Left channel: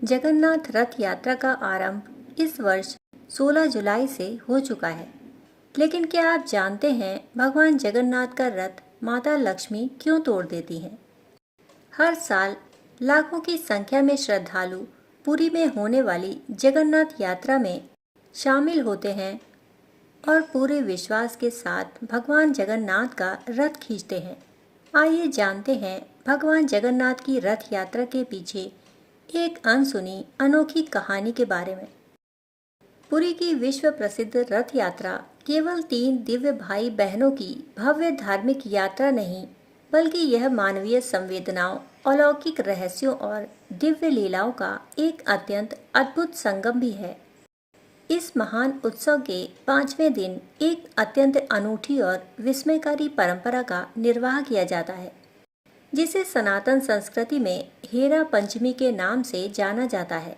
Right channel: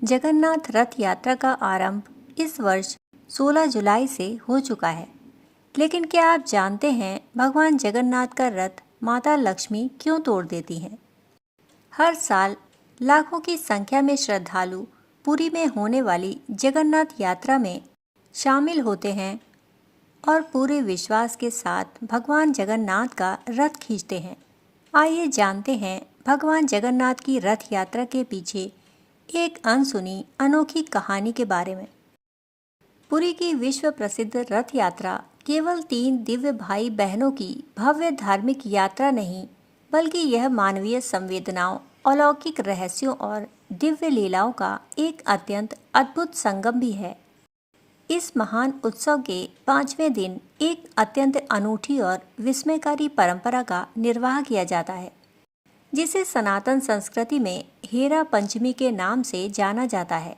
जगन्नाथ रथ यात्रा का आरंभ इस वर्ष 16 जुलाई से हो चुका है। लेकिन क्या आप जानते हैं भगवान जगन्नाथ का रथ माता लक्ष्मी क्यों तोड़ देती हैं? हर साल लाखों की संख्या में श्रद्धालु पुरी में होने वाली जगन्नाथ यात्रा में शामिल होते हैं और पूरे विश्वास के साथ भगवान जगन्नाथ का रथ खींचते हैं। आइए जानते हैं भगवान जगन्नाथ की रथ यात्रा के पीछे एक अनसुनी अनोखी कहानी के बारे में। पुरी की विश्व प्रसिद्ध रथ यात्रा केवल 3 दिव्य भाई बहनों की भव्य धार्मिक यात्रा नहीं, बल्कि यह मानवीय संवेदनाओं, अलौकिक रहस्यों और दिव्य लीलाओं का एक अत्यंत अद्भुत संगम भी है। इस महान उत्सव के 5वें दिन एक अत्यंत अनूठी और विस्मयकारी परंपरा का निर्वाह किया जाता है, जिसे सनातन संस्कृति में हेरा पंचमी के नाम से जाना जाता है।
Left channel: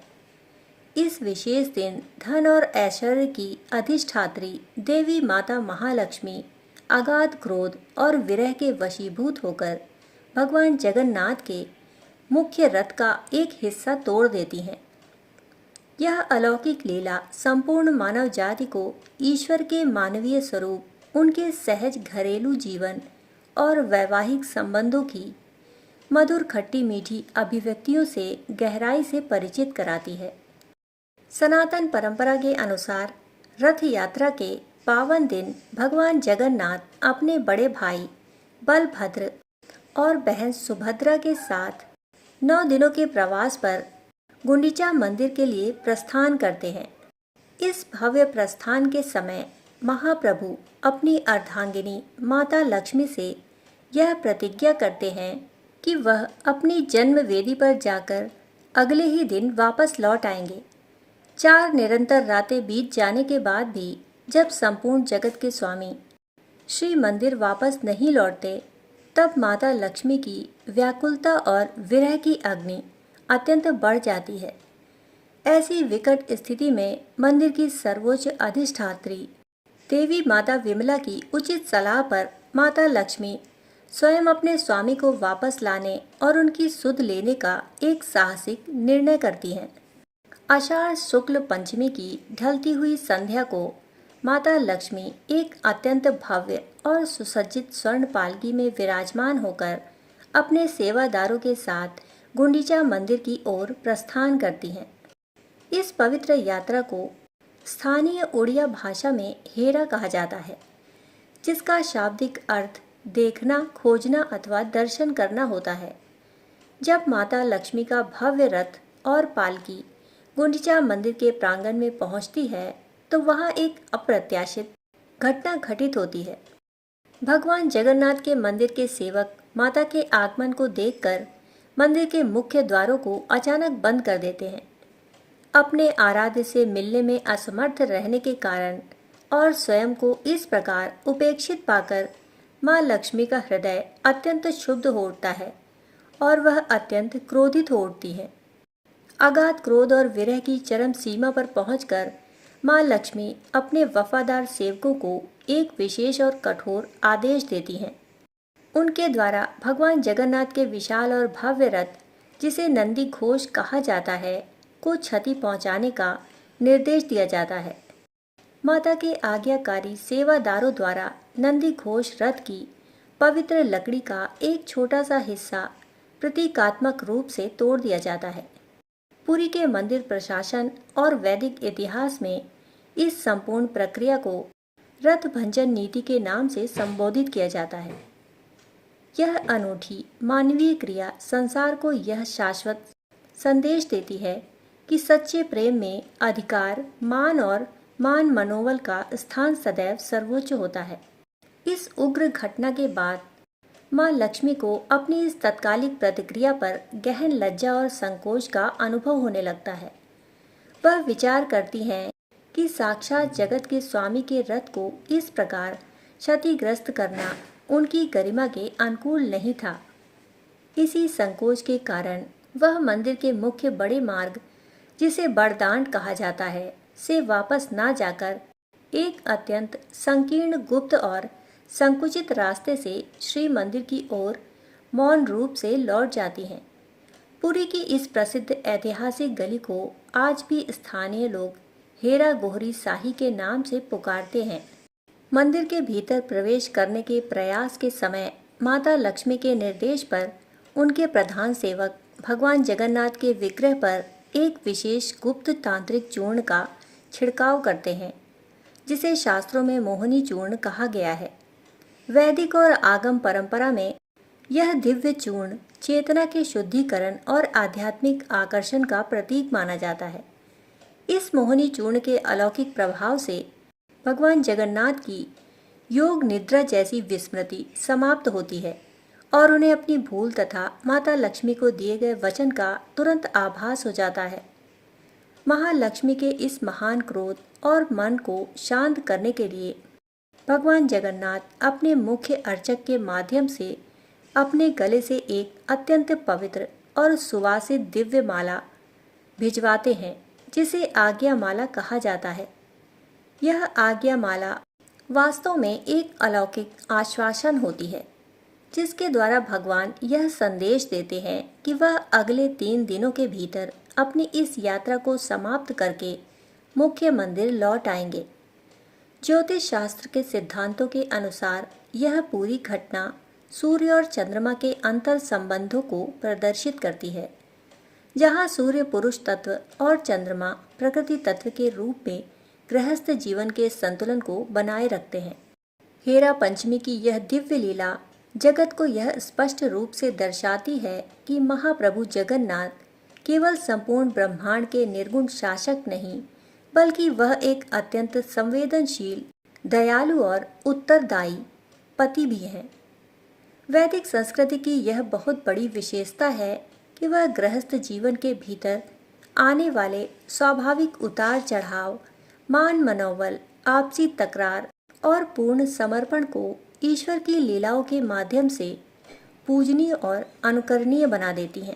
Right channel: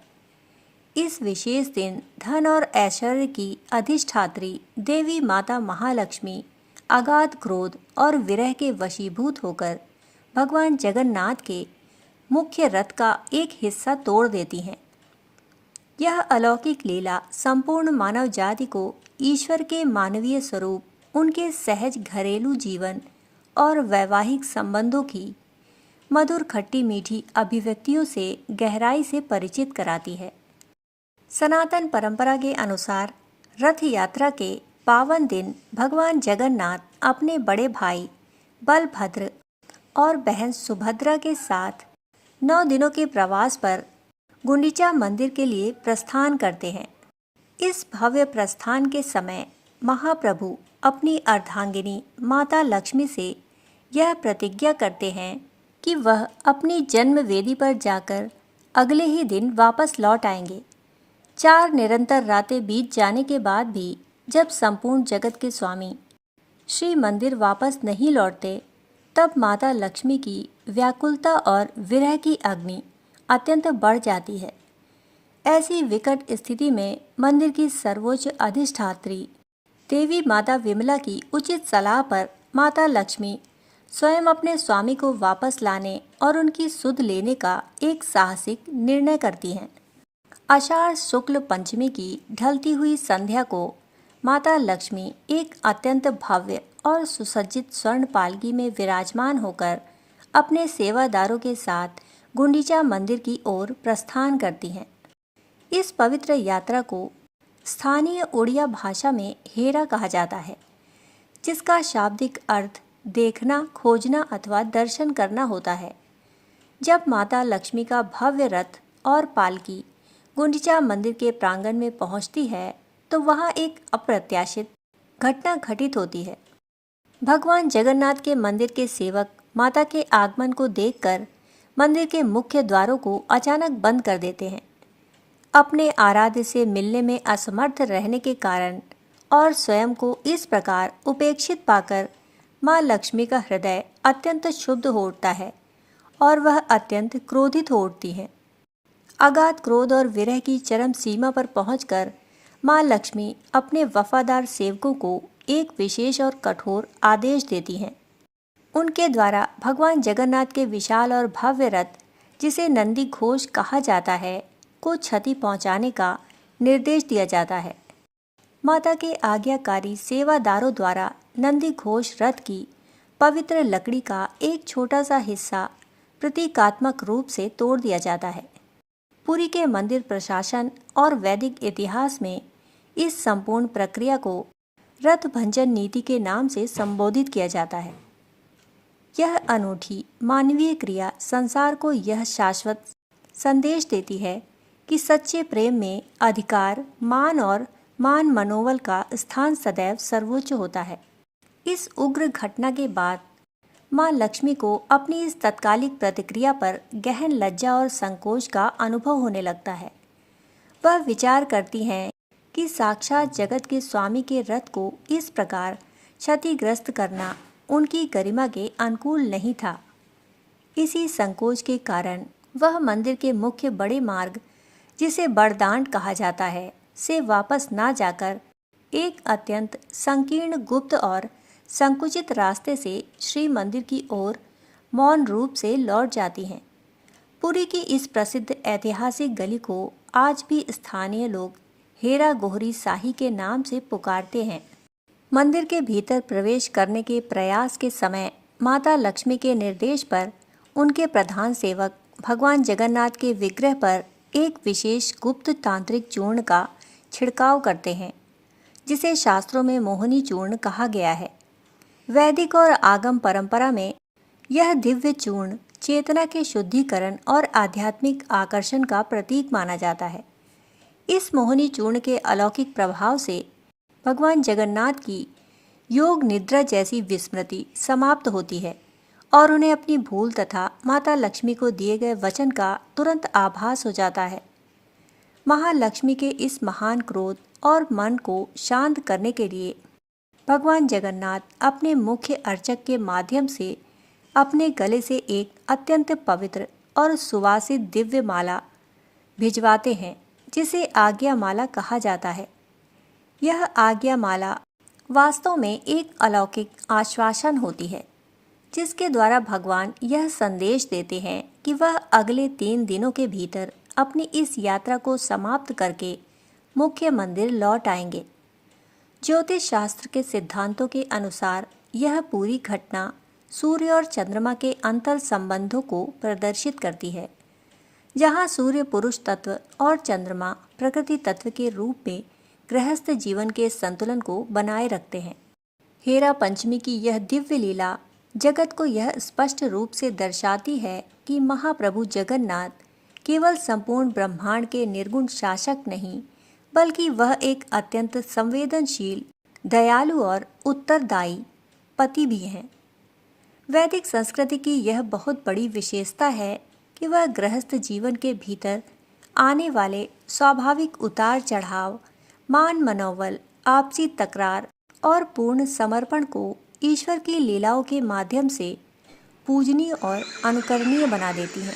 इस विशेष दिन धन और ऐश्वर्य की अधिष्ठात्री देवी माता महालक्ष्मी अगाध क्रोध और विरह के वशीभूत होकर भगवान जगन्नाथ के मुख्य रथ का एक हिस्सा तोड़ देती हैं। यह अलौकिक लीला संपूर्ण मानव जाति को ईश्वर के मानवीय स्वरूप, उनके सहज घरेलू जीवन और वैवाहिक संबंधों की मधुर खट्टी मीठी अभिव्यक्तियों से गहराई से परिचित कराती है। सनातन परंपरा के अनुसार रथ यात्रा के पावन दिन भगवान जगन्नाथ अपने बड़े भाई बलभद्र और बहन सुभद्रा के साथ 9 दिनों के प्रवास पर गुंडीचा मंदिर के लिए प्रस्थान करते हैं। इस भव्य प्रस्थान के समय महाप्रभु अपनी अर्धांगिनी माता लक्ष्मी से यह प्रतिज्ञा करते हैं कि वह अपनी जन्म वेदी पर जाकर अगले ही दिन वापस लौट आएंगे। 4 निरंतर रातें बीत जाने के बाद भी जब संपूर्ण जगत के स्वामी श्री मंदिर वापस नहीं लौटते, तब माता लक्ष्मी की व्याकुलता और विरह की अग्नि अत्यंत बढ़ जाती है। ऐसी विकट स्थिति में मंदिर की सर्वोच्च अधिष्ठात्री देवी माता विमला की उचित सलाह पर माता लक्ष्मी स्वयं अपने स्वामी को वापस लाने और उनकी सुध लेने का एक साहसिक निर्णय करती हैं। आषाढ़ शुक्ल पंचमी की ढलती हुई संध्या को माता लक्ष्मी एक अत्यंत भव्य और सुसज्जित स्वर्ण पालकी में विराजमान होकर अपने सेवादारों के साथ गुंडीचा मंदिर की ओर प्रस्थान करती हैं। इस पवित्र यात्रा को स्थानीय उड़िया भाषा में हेरा कहा जाता है, जिसका शाब्दिक अर्थ देखना, खोजना अथवा दर्शन करना होता है। जब माता लक्ष्मी का भव्य रथ और पालकी गुंडीचा मंदिर के प्रांगण में पहुंचती है, तो वहां एक अप्रत्याशित घटना घटित होती है। भगवान जगन्नाथ के मंदिर के सेवक माता के आगमन को देखकर मंदिर के मुख्य द्वारों को अचानक बंद कर देते हैं। अपने आराध्य से मिलने में असमर्थ रहने के कारण और स्वयं को इस प्रकार उपेक्षित पाकर माँ लक्ष्मी का हृदय अत्यंत क्षुब्ध हो उठता है और वह अत्यंत क्रोधित हो उठती है। अगाध क्रोध और विरह की चरम सीमा पर पहुंचकर माँ लक्ष्मी अपने वफादार सेवकों को एक विशेष और कठोर आदेश देती हैं। उनके द्वारा भगवान जगन्नाथ के विशाल और भव्य रथ, जिसे नंदी घोष कहा जाता है, को क्षति पहुंचाने का निर्देश दिया जाता है। माता के आज्ञाकारी सेवादारों द्वारा नंदी घोष रथ की पवित्र लकड़ी का एक छोटा सा हिस्सा प्रतीकात्मक रूप से तोड़ दिया जाता है। पुरी के मंदिर प्रशासन और वैदिक इतिहास में इस संपूर्ण प्रक्रिया को रथ भंजन नीति के नाम से संबोधित किया जाता है। यह अनूठी मानवीय क्रिया संसार को यह शाश्वत संदेश देती है कि सच्चे प्रेम में अधिकार, मान और मान मनोबल का स्थान सदैव सर्वोच्च होता है। इस उग्र घटना के बाद माँ लक्ष्मी को अपनी इस तत्कालिक प्रतिक्रिया पर गहन लज्जा और संकोच का अनुभव होने लगता है। वह विचार करती हैं कि साक्षात जगत के स्वामी के रथ को इस प्रकार क्षतिग्रस्त करना उनकी गरिमा के अनुकूल नहीं था। इसी संकोच के कारण वह मंदिर के मुख्य बड़े मार्ग, जिसे बड़दांड कहा जाता है, से वापस ना जाकर एक अत्यंत संकीर्ण, गुप्त और संकुचित रास्ते से श्री मंदिर की ओर मौन रूप से लौट जाती हैं। पुरी की इस प्रसिद्ध ऐतिहासिक गली को आज भी स्थानीय लोग हेरा गोहरी साही के नाम से पुकारते हैं। मंदिर के भीतर प्रवेश करने के प्रयास के समय माता लक्ष्मी के निर्देश पर उनके प्रधान सेवक भगवान जगन्नाथ के विग्रह पर एक विशेष गुप्त तांत्रिक चूर्ण का छिड़काव करते हैं, जिसे शास्त्रों में मोहिनी चूर्ण कहा गया है। वैदिक और आगम परंपरा में यह दिव्य चूर्ण चेतना के शुद्धिकरण और आध्यात्मिक आकर्षण का प्रतीक माना जाता है। इस मोहिनी चूर्ण के अलौकिक प्रभाव से भगवान जगन्नाथ की योग निद्रा जैसी विस्मृति समाप्त होती है और उन्हें अपनी भूल तथा माता लक्ष्मी को दिए गए वचन का तुरंत आभास हो जाता है। महालक्ष्मी के इस महान क्रोध और मन को शांत करने के लिए भगवान जगन्नाथ अपने मुख्य अर्चक के माध्यम से अपने गले से एक अत्यंत पवित्र और सुवासित दिव्य माला भिजवाते हैं, जिसे आज्ञा माला कहा जाता है। यह आज्ञा माला वास्तव में एक अलौकिक आश्वासन होती है, जिसके द्वारा भगवान यह संदेश देते हैं कि वह अगले 3 दिनों के भीतर अपनी इस यात्रा को समाप्त करके मुख्य मंदिर लौट आएंगे। ज्योतिष शास्त्र के सिद्धांतों के अनुसार यह पूरी घटना सूर्य और चंद्रमा के अंतर संबंधों को प्रदर्शित करती है, जहां सूर्य पुरुष तत्व और चंद्रमा प्रकृति तत्व के रूप में गृहस्थ जीवन के संतुलन को बनाए रखते हैं। हेरा पंचमी की यह दिव्य लीला जगत को यह स्पष्ट रूप से दर्शाती है कि महाप्रभु जगन्नाथ केवल संपूर्ण ब्रह्मांड के निर्गुण शासक नहीं, बल्कि वह एक अत्यंत संवेदनशील, दयालु और उत्तरदायी पति भी हैं। वैदिक संस्कृति की यह बहुत बड़ी विशेषता है कि वह गृहस्थ जीवन के भीतर आने वाले स्वाभाविक उतार चढ़ाव, मान मनोबल, आपसी तकरार और पूर्ण समर्पण को ईश्वर की लीलाओं के माध्यम से पूजनीय और अनुकरणीय बना देती है।